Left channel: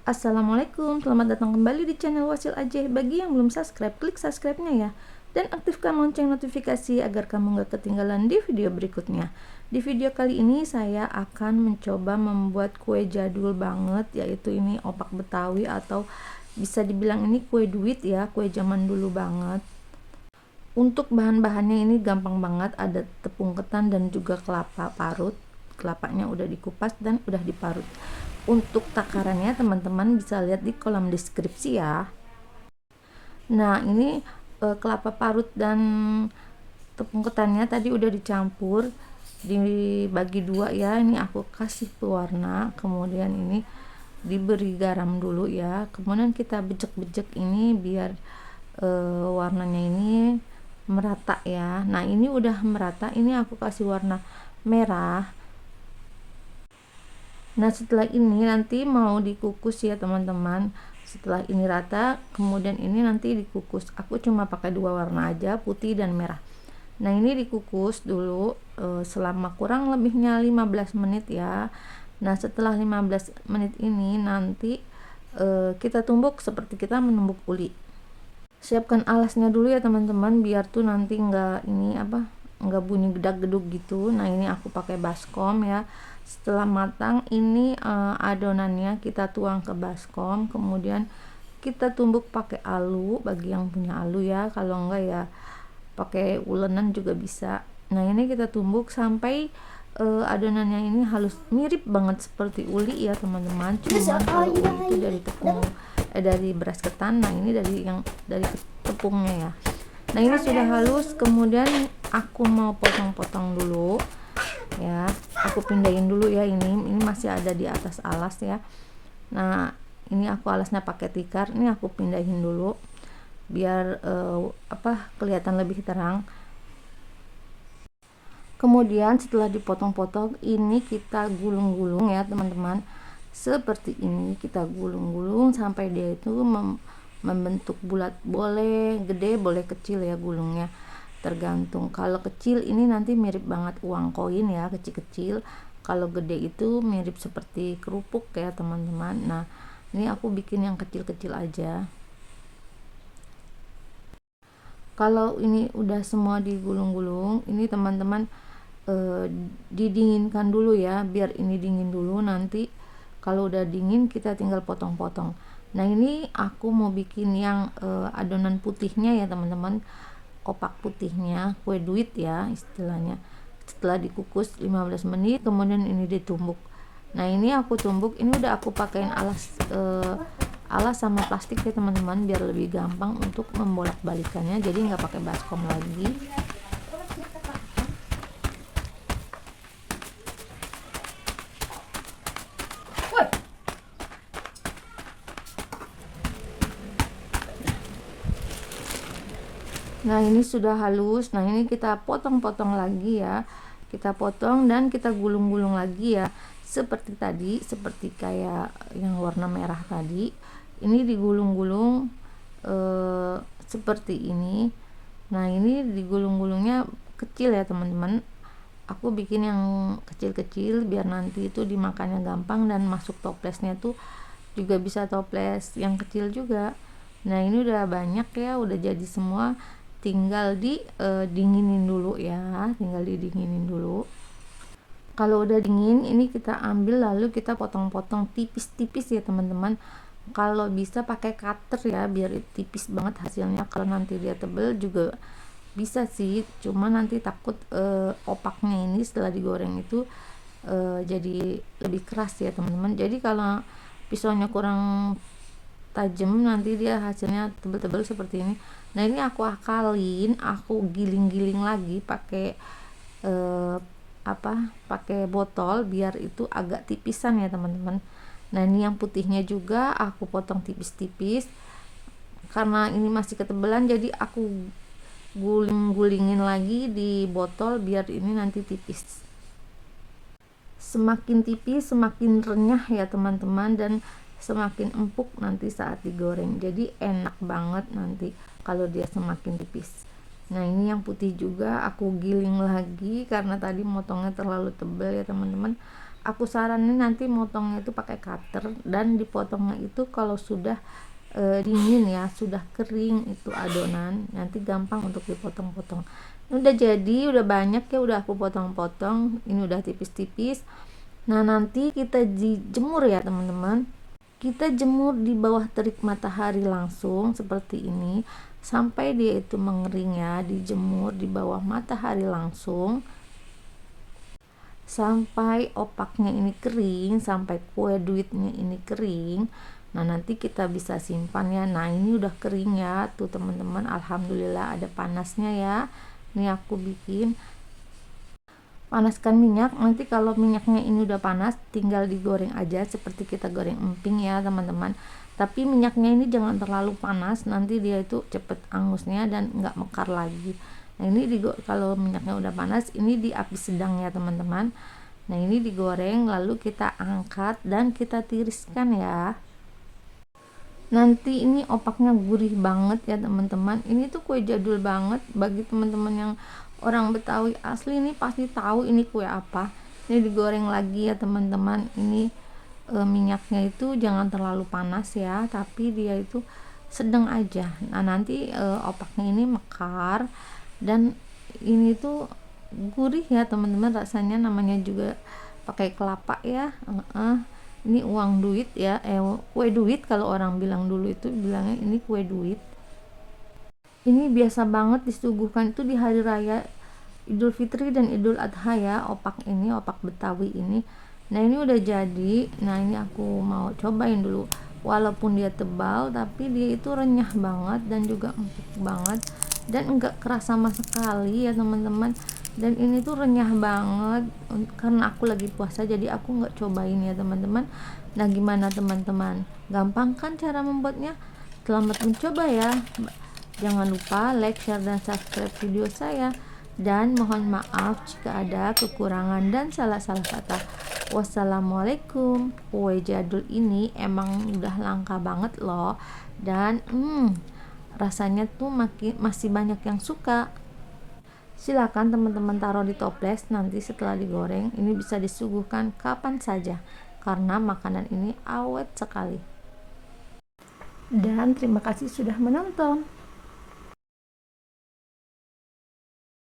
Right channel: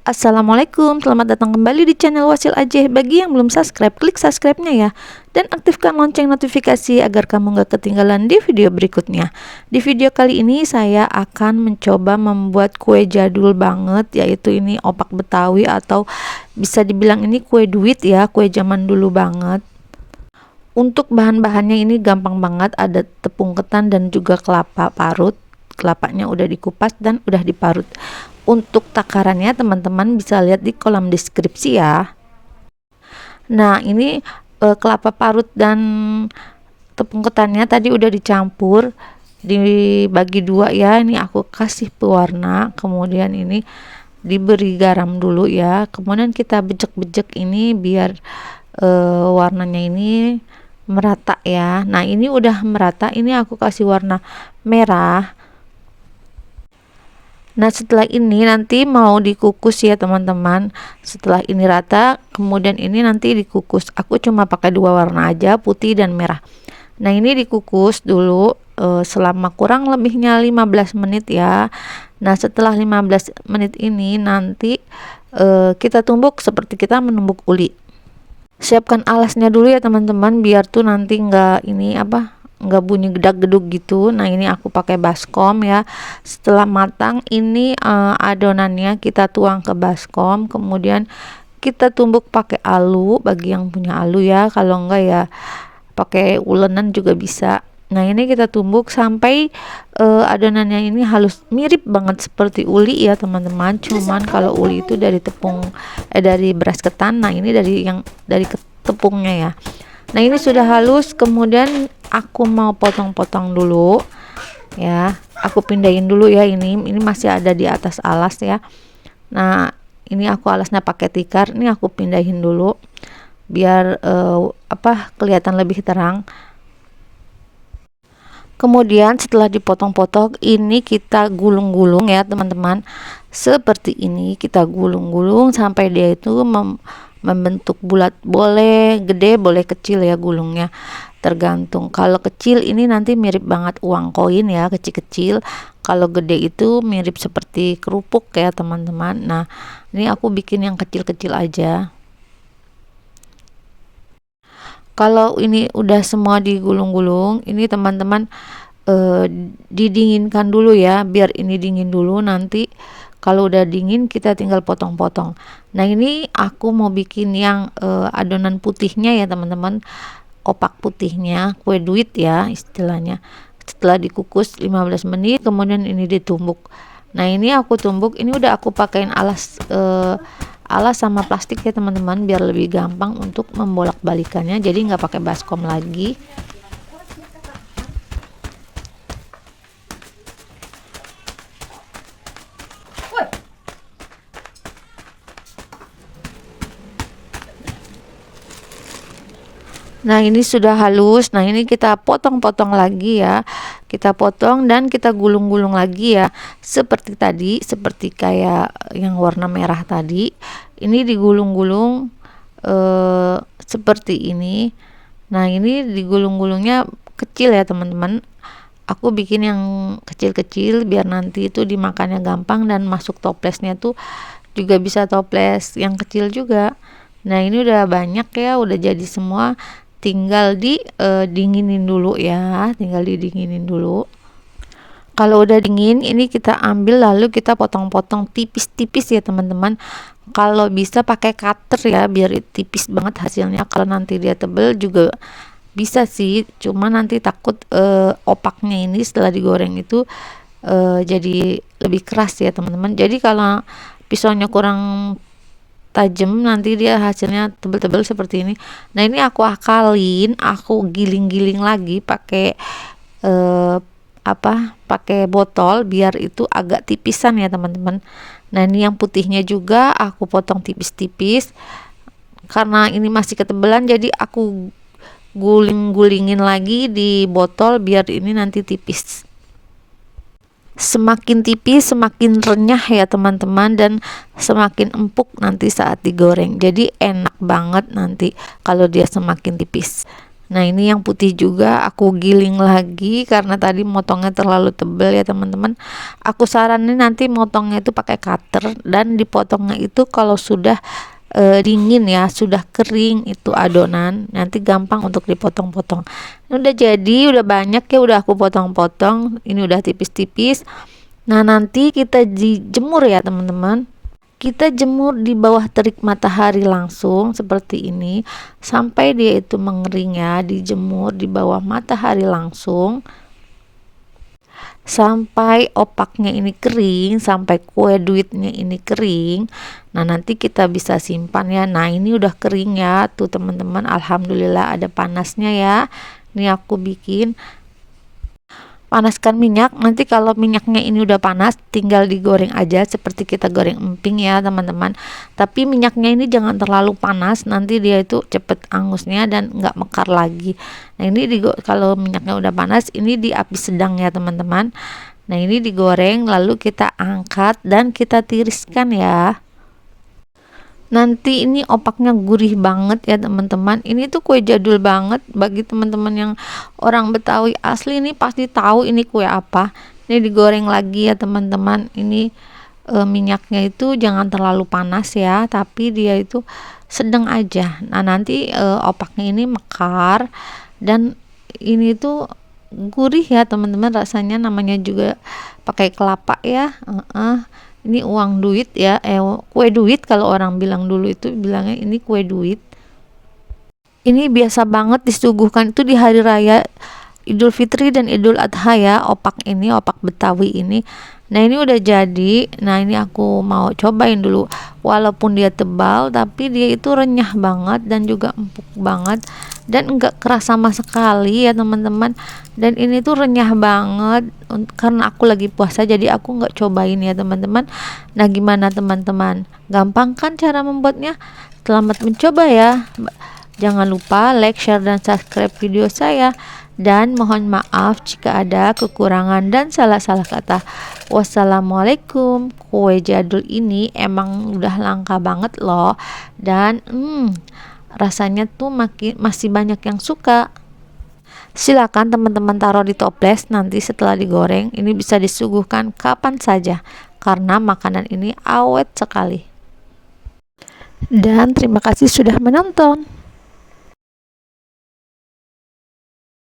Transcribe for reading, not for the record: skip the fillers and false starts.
Assalamualaikum, selamat datang kembali di channel Wasil Aceh. Bagi yang belum subscribe, klik subscribe-nya ya. Dan aktifkan lonceng notifikasi agar kamu gak ketinggalan di video berikutnya. Di video kali ini saya akan mencoba membuat kue jadul banget, yaitu ini opak Betawi atau bisa dibilang ini kue duit ya, kue zaman dulu banget. Untuk bahan-bahannya ini gampang banget, ada tepung ketan dan juga kelapa parut. Kelapanya udah dikupas dan udah diparut. Untuk takarannya teman-teman bisa lihat di kolom deskripsi ya. Nah ini kelapa parut dan tepung ketannya tadi udah dicampur, dibagi dua ya. Ini aku kasih pewarna, kemudian ini diberi garam dulu ya, kemudian kita bejek-bejek ini biar warnanya ini merata ya. Nah ini udah merata, ini aku kasih warna merah. Nah setelah ini nanti mau dikukus ya teman-teman. Setelah ini rata, kemudian ini nanti dikukus. Aku cuma pakai dua warna aja, putih dan merah. Nah ini dikukus dulu selama kurang lebihnya 15 menit ya. Nah setelah 15 menit ini nanti kita tumbuk seperti kita menumbuk uli. Siapkan alasnya dulu ya teman-teman, biar tuh nanti nggak bunyi gedak-geduk gitu. Nah ini aku pakai baskom ya. Setelah matang ini adonannya kita tuang ke baskom, kemudian kita tumbuk pakai alu bagi yang punya alu ya, kalau enggak ya pakai ulenan juga bisa. Nah ini kita tumbuk sampai adonannya ini halus, mirip banget seperti uli ya teman-teman. Cuman kalau uli itu dari dari beras ketan, nah ini dari tepungnya ya. Nah ini sudah halus, kemudian aku mau potong-potong dulu ya. Aku pindahin dulu ya, ini masih ada di atas alas ya. Nah ini aku alasnya pakai tikar, ini aku pindahin dulu biar kelihatan lebih terang. Kemudian setelah dipotong-potong ini kita gulung-gulung ya teman-teman, seperti ini. Kita gulung-gulung sampai dia itu membentuk bulat, boleh gede boleh kecil ya gulungnya, tergantung. Kalau kecil ini nanti mirip banget uang koin ya, kecil-kecil. Kalau gede itu mirip seperti kerupuk ya teman-teman. Nah ini aku bikin yang kecil-kecil aja. Kalau ini udah semua digulung-gulung, ini teman-teman didinginkan dulu ya, biar ini dingin dulu. Nanti kalau udah dingin kita tinggal potong-potong. Nah ini aku mau bikin yang adonan putihnya ya teman-teman, opak putihnya, kue duit ya istilahnya. Setelah dikukus 15 menit kemudian ini ditumbuk. Nah ini aku tumbuk, ini udah aku pakein alas sama plastik ya teman-teman, biar lebih gampang untuk membolak-balikannya, jadi nggak pakai baskom lagi. Nah ini sudah halus. Nah ini kita potong-potong lagi ya, kita potong dan kita gulung-gulung lagi ya, seperti tadi, seperti kayak yang warna merah tadi. Ini digulung-gulung seperti ini. Nah ini digulung-gulungnya kecil ya teman-teman. Aku bikin yang kecil-kecil biar nanti itu dimakannya gampang, dan masuk toplesnya tuh juga bisa toples yang kecil juga. Nah ini udah banyak ya, udah jadi semua, tinggal dinginin dulu ya, tinggal didinginin dulu. Kalau udah dingin ini kita ambil, lalu kita potong-potong tipis-tipis ya teman-teman. Kalau bisa pakai cutter ya, biar tipis banget hasilnya. Kalau nanti dia tebel juga bisa sih, cuma nanti takut opaknya ini setelah digoreng itu jadi lebih keras ya teman-teman. Jadi kalau pisaunya kurang tajam nanti dia hasilnya tebel-tebel seperti ini. Nah ini aku akalin, aku giling-giling lagi pakai pakai botol biar itu agak tipisan ya teman-teman. Nah ini yang putihnya juga aku potong tipis-tipis, karena ini masih ketebelan jadi aku guling-gulingin lagi di botol biar ini nanti tipis. Semakin tipis semakin renyah ya teman-teman, dan semakin empuk nanti saat digoreng. Jadi enak banget nanti kalau dia semakin tipis. Nah ini yang putih juga aku giling lagi karena tadi motongnya terlalu tebal ya teman-teman. Aku saranin nanti motongnya itu pakai cutter dan dipotongnya itu kalau sudah dingin ya, sudah kering itu adonan, nanti gampang untuk dipotong-potong. Ini udah jadi, udah banyak ya, udah aku potong-potong. Ini udah tipis-tipis. Nah nanti kita dijemur ya teman-teman. Kita jemur di bawah terik matahari langsung seperti ini sampai dia itu mengering ya, dijemur di bawah matahari langsung sampai opaknya ini kering, sampai kue duitnya ini kering. Nah nanti kita bisa simpan ya. Nah ini udah kering ya tuh teman-teman, alhamdulillah ada panasnya ya. Ini aku bikin, panaskan minyak. Nanti kalau minyaknya ini udah panas tinggal digoreng aja seperti kita goreng emping ya teman-teman, tapi minyaknya ini jangan terlalu panas, nanti dia itu cepet angusnya dan nggak mekar lagi. Nah ini kalau minyaknya udah panas ini di api sedang ya teman-teman. Nah ini digoreng lalu kita angkat dan kita tiriskan ya. Nanti ini opaknya gurih banget ya teman-teman. Ini tuh kue jadul banget, bagi teman-teman yang orang Betawi asli ini pasti tahu ini kue apa. Ini digoreng lagi ya teman-teman. Ini minyaknya itu jangan terlalu panas ya, tapi dia itu sedang aja. Nah nanti opaknya ini mekar dan ini tuh gurih ya teman-teman, rasanya namanya juga pakai kelapa ya. Ini uang duit ya, kue duit kalau orang bilang, dulu itu bilangnya ini kue duit. Ini biasa banget disuguhkan itu di hari raya Idul Fitri dan Idul Adha ya, opak ini, opak Betawi ini. Nah ini udah jadi. Nah ini aku mau cobain dulu, walaupun dia tebal tapi dia itu renyah banget dan juga empuk banget dan enggak keras sama sekali ya teman-teman. Dan ini tuh renyah banget karena aku lagi puasa jadi aku nggak cobain ya teman-teman. Nah gimana teman-teman, gampang kan cara membuatnya? Selamat mencoba ya. Jangan lupa like, share, dan subscribe video saya. Dan mohon maaf jika ada kekurangan dan salah-salah kata. Wassalamualaikum. Kue jadul ini emang udah langka banget loh. Dan rasanya tuh masih banyak yang suka. Silakan teman-teman taruh di toples, nanti setelah digoreng ini bisa disuguhkan kapan saja karena makanan ini awet sekali. Dan terima kasih sudah menonton.